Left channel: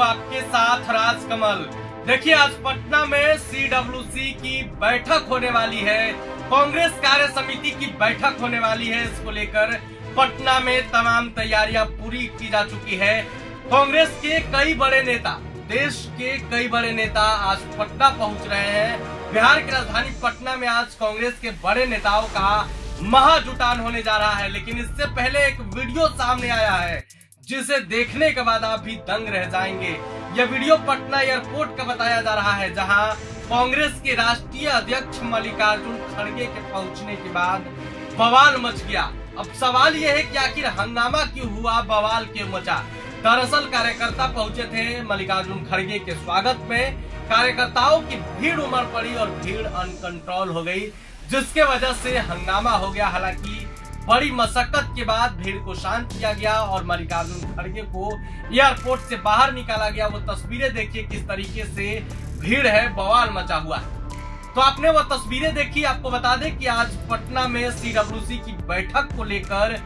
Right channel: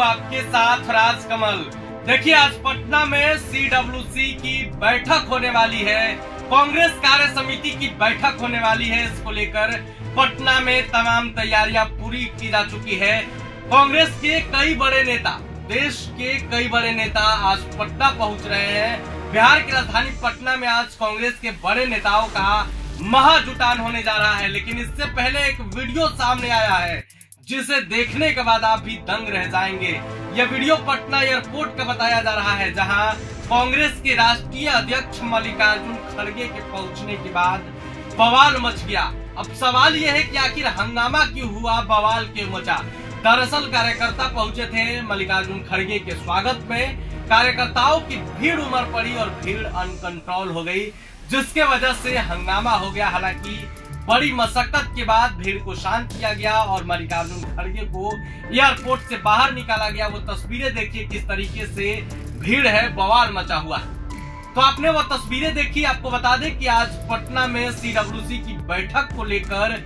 हूँ आपके साथ राजकमल। देखिए, आज पटना में CWC की बैठक होने वाली है, कांग्रेस कार्य समिति की बैठक होने वाली है। इसको लेकर पटना में तमाम तैयारियां पूरी की जा चुकी है। कांग्रेस के कई बड़े नेता, देश के कई बड़े नेता आज पटना पहुंच रहे हैं। बिहार की राजधानी पटना में आज कांग्रेस के बड़े नेताओं का महाजुटान होने जा रहा है। लेकिन इससे पहले एक वीडियो सामने आया है जिसे देखने के बाद आप भी दंग रह जाएंगे। यह वीडियो पटना एयरपोर्ट का बताया जा रहा है, जहां कांग्रेस के राष्ट्रीय अध्यक्ष मल्लिकार्जुन खड़गे के पहुंचने के बाद बवाल मच गया। अब सवाल यह है कि आखिर हंगामा क्यों हुआ, बवाल क्यों मचा। दरअसल कार्यकर्ता पहुंचे थे मल्लिकार्जुन खड़गे के स्वागत में। कार्यकर्ताओं की भीड़ उमड़ पड़ी और भीड़ अनकंट्रोल हो गई, जिसके वजह से हंगामा हो गया। हालांकि बड़ी मशक्कत के बाद भीड़ को शांत किया गया और मल्लिकार्जुन खड़गे को एयरपोर्ट से बाहर निकाला गया। वो तस्वीरें देखिए किस तरीके से भीड़ है, बवाल मचा हुआ। तो आपने वो तस्वीरें देखी। आपको बता दें कि आज पटना में CWC की बैठक को लेकर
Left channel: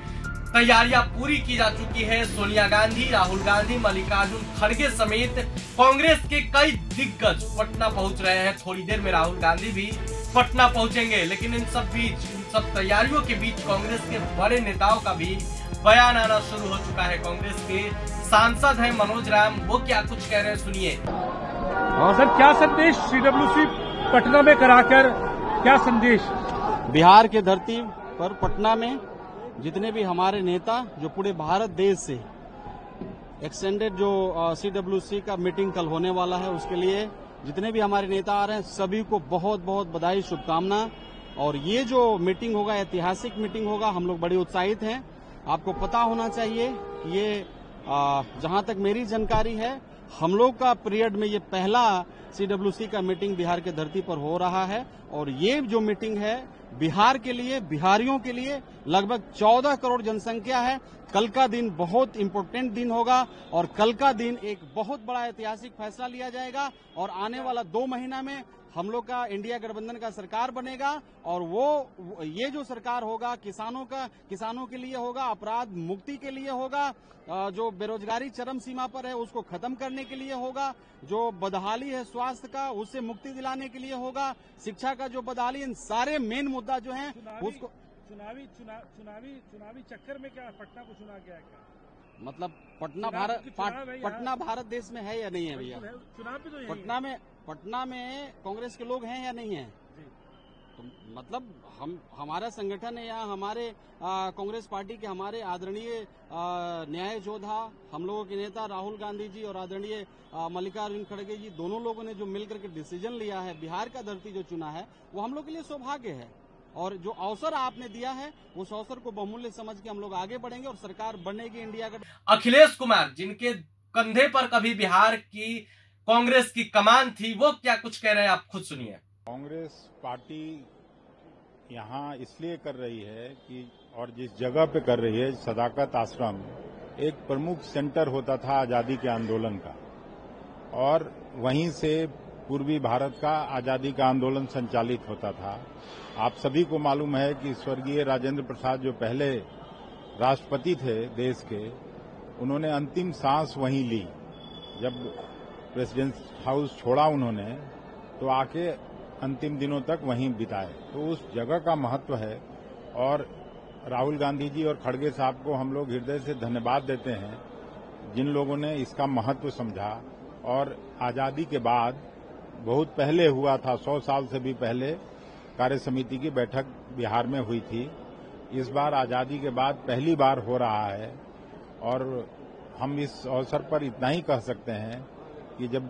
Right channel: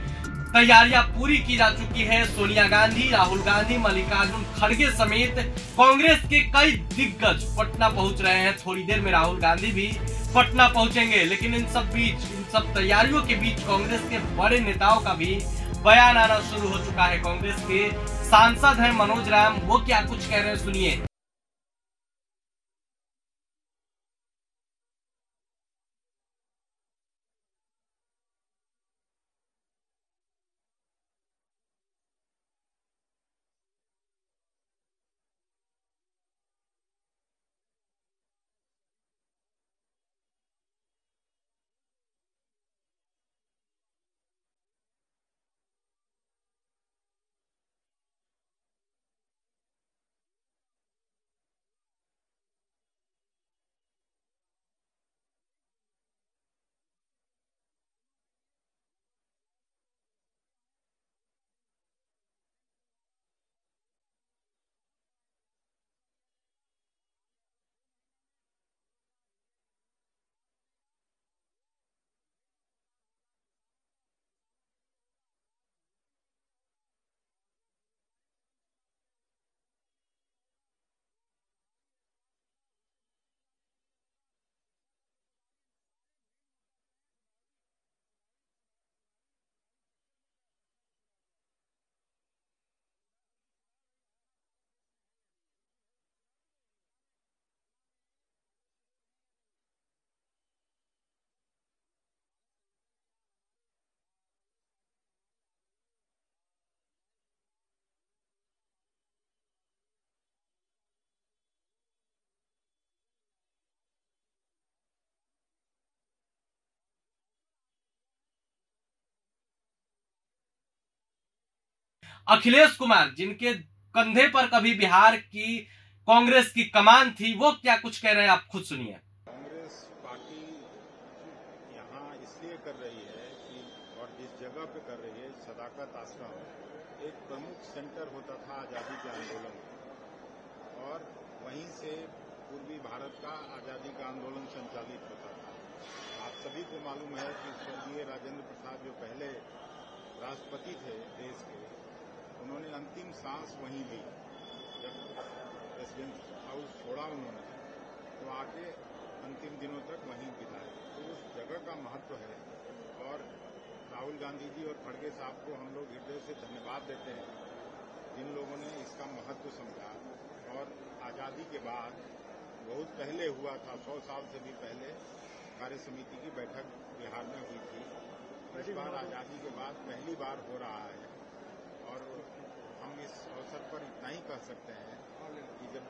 तैयारियां पूरी की जा चुकी है। सोनिया गांधी, राहुल गांधी, मल्लिकार्जुन खड़गे समेत कांग्रेस के कई दिग्गज पटना पहुंच रहे हैं। थोड़ी देर में राहुल गांधी भी पटना पहुंचेंगे। लेकिन इन सब तैयारियों के बीच कांग्रेस के बड़े नेताओं का भी बयान आना शुरू हो चुका है। कांग्रेस के सांसद हैं मनोज राम, वो क्या कुछ कह रहे हैं, सुनिए। सर, क्या संदेश CWC पटना में कराकर, क्या संदेश? बिहार के धरती पर पटना में जितने भी हमारे नेता जो पूरे भारत देश से एक्सटेंडेड जो CWC का मीटिंग कल होने वाला है, उसके लिए जितने भी हमारे नेता आ रहे हैं सभी को बहुत बहुत बधाई, शुभकामना। और ये जो मीटिंग होगा ऐतिहासिक मीटिंग होगा, हम लोग बड़े उत्साहित हैं। आपको पता होना चाहिए कि ये जहां तक मेरी जानकारी है, हम लोग का पीरियड में ये पहला CWC का मीटिंग बिहार के धरती पर हो रहा है। और ये जो मीटिंग है बिहार के लिए, बिहारियों के लिए लगभग 14 करोड़ जनसंख्या है। कल का दिन बहुत इम्पोर्टेंट दिन होगा और कल का दिन एक बहुत बड़ा ऐतिहासिक फैसला लिया जाएगा। और आने वाला 2 महीना में हम लोग का इंडिया गठबंधन का सरकार बनेगा और ये जो सरकार होगा किसानों के लिए होगा, अपराध मुक्ति के लिए होगा, जो बेरोजगारी चरम सीमा पर है उसको खत्म करने के लिए होगा, जो बदहाली है स्वास्थ्य का उससे मुक्ति दिलाने के लिए होगा, शिक्षा का जो बदहाली, इन सारे मेन मुद्दा जो हैं उसको चुनावी चक्कर में क्या पटना को चुना गया है? क्या मतलब पटना भारत देश में है या नहीं है भैया? चुनाव भी तो पटना में कांग्रेस के लोग हैं या नहीं है? तो मतलब हमारा संगठन है या हमारे कांग्रेस पार्टी के हमारे आदरणीय न्याय योद्धा, हम लोगों के नेता राहुल गांधी जी और आदरणीय मल्लिकार्जुन खड़गे जी, दोनों लोगों ने जो मिलकर के डिसीजन लिया है, बिहार का धरती जो चुना है, वो हम लोग के लिए सौभाग्य है। और जो अवसर आपने दिया है उस अवसर को बहुमूल्य समझ के हम लोग आगे बढ़ेंगे और सरकार बनेगी इंडिया का। अखिलेश कुमार, जिनके कंधे पर कभी बिहार की कांग्रेस की कमान थी, वो क्या कुछ कह रहे हैं, आप खुद सुनिए। कांग्रेस पार्टी यहाँ इसलिए कर रही है कि, और जिस जगह पे कर रही है, सदाकत आश्रम एक प्रमुख सेंटर होता था आजादी के आंदोलन का, और वहीं से पूर्वी भारत का आजादी का आंदोलन संचालित होता था। आप सभी को मालूम है कि स्वर्गीय राजेंद्र प्रसाद जो पहले राष्ट्रपति थे देश के, उन्होंने अंतिम सांस वहीं ली। जब प्रेसिडेंट हाउस छोड़ा उन्होंने, तो आके अंतिम दिनों तक वहीं बिताए। तो उस जगह का महत्व है। और राहुल गांधी जी और खड़गे साहब को हम लोग हृदय से धन्यवाद देते हैं, जिन लोगों ने इसका महत्व समझा। और आजादी के बाद बहुत पहले हुआ था, 100 साल से भी पहले कार्य समिति की बैठक बिहार में हुई थी। इस बार आजादी के बाद पहली बार हो रहा है। और हम इस अवसर पर इतना ही कह सकते हैं कि जब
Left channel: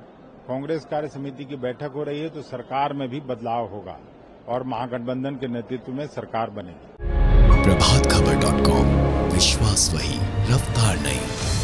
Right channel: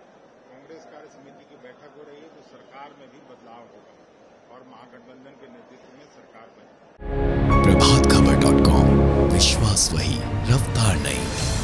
कांग्रेस कार्य समिति की बैठक हो रही है तो सरकार में भी बदलाव होगा और महागठबंधन के नेतृत्व में सरकार बनेगी। प्रभातखबर.com, विश्वास वही, रफ्तार नहीं।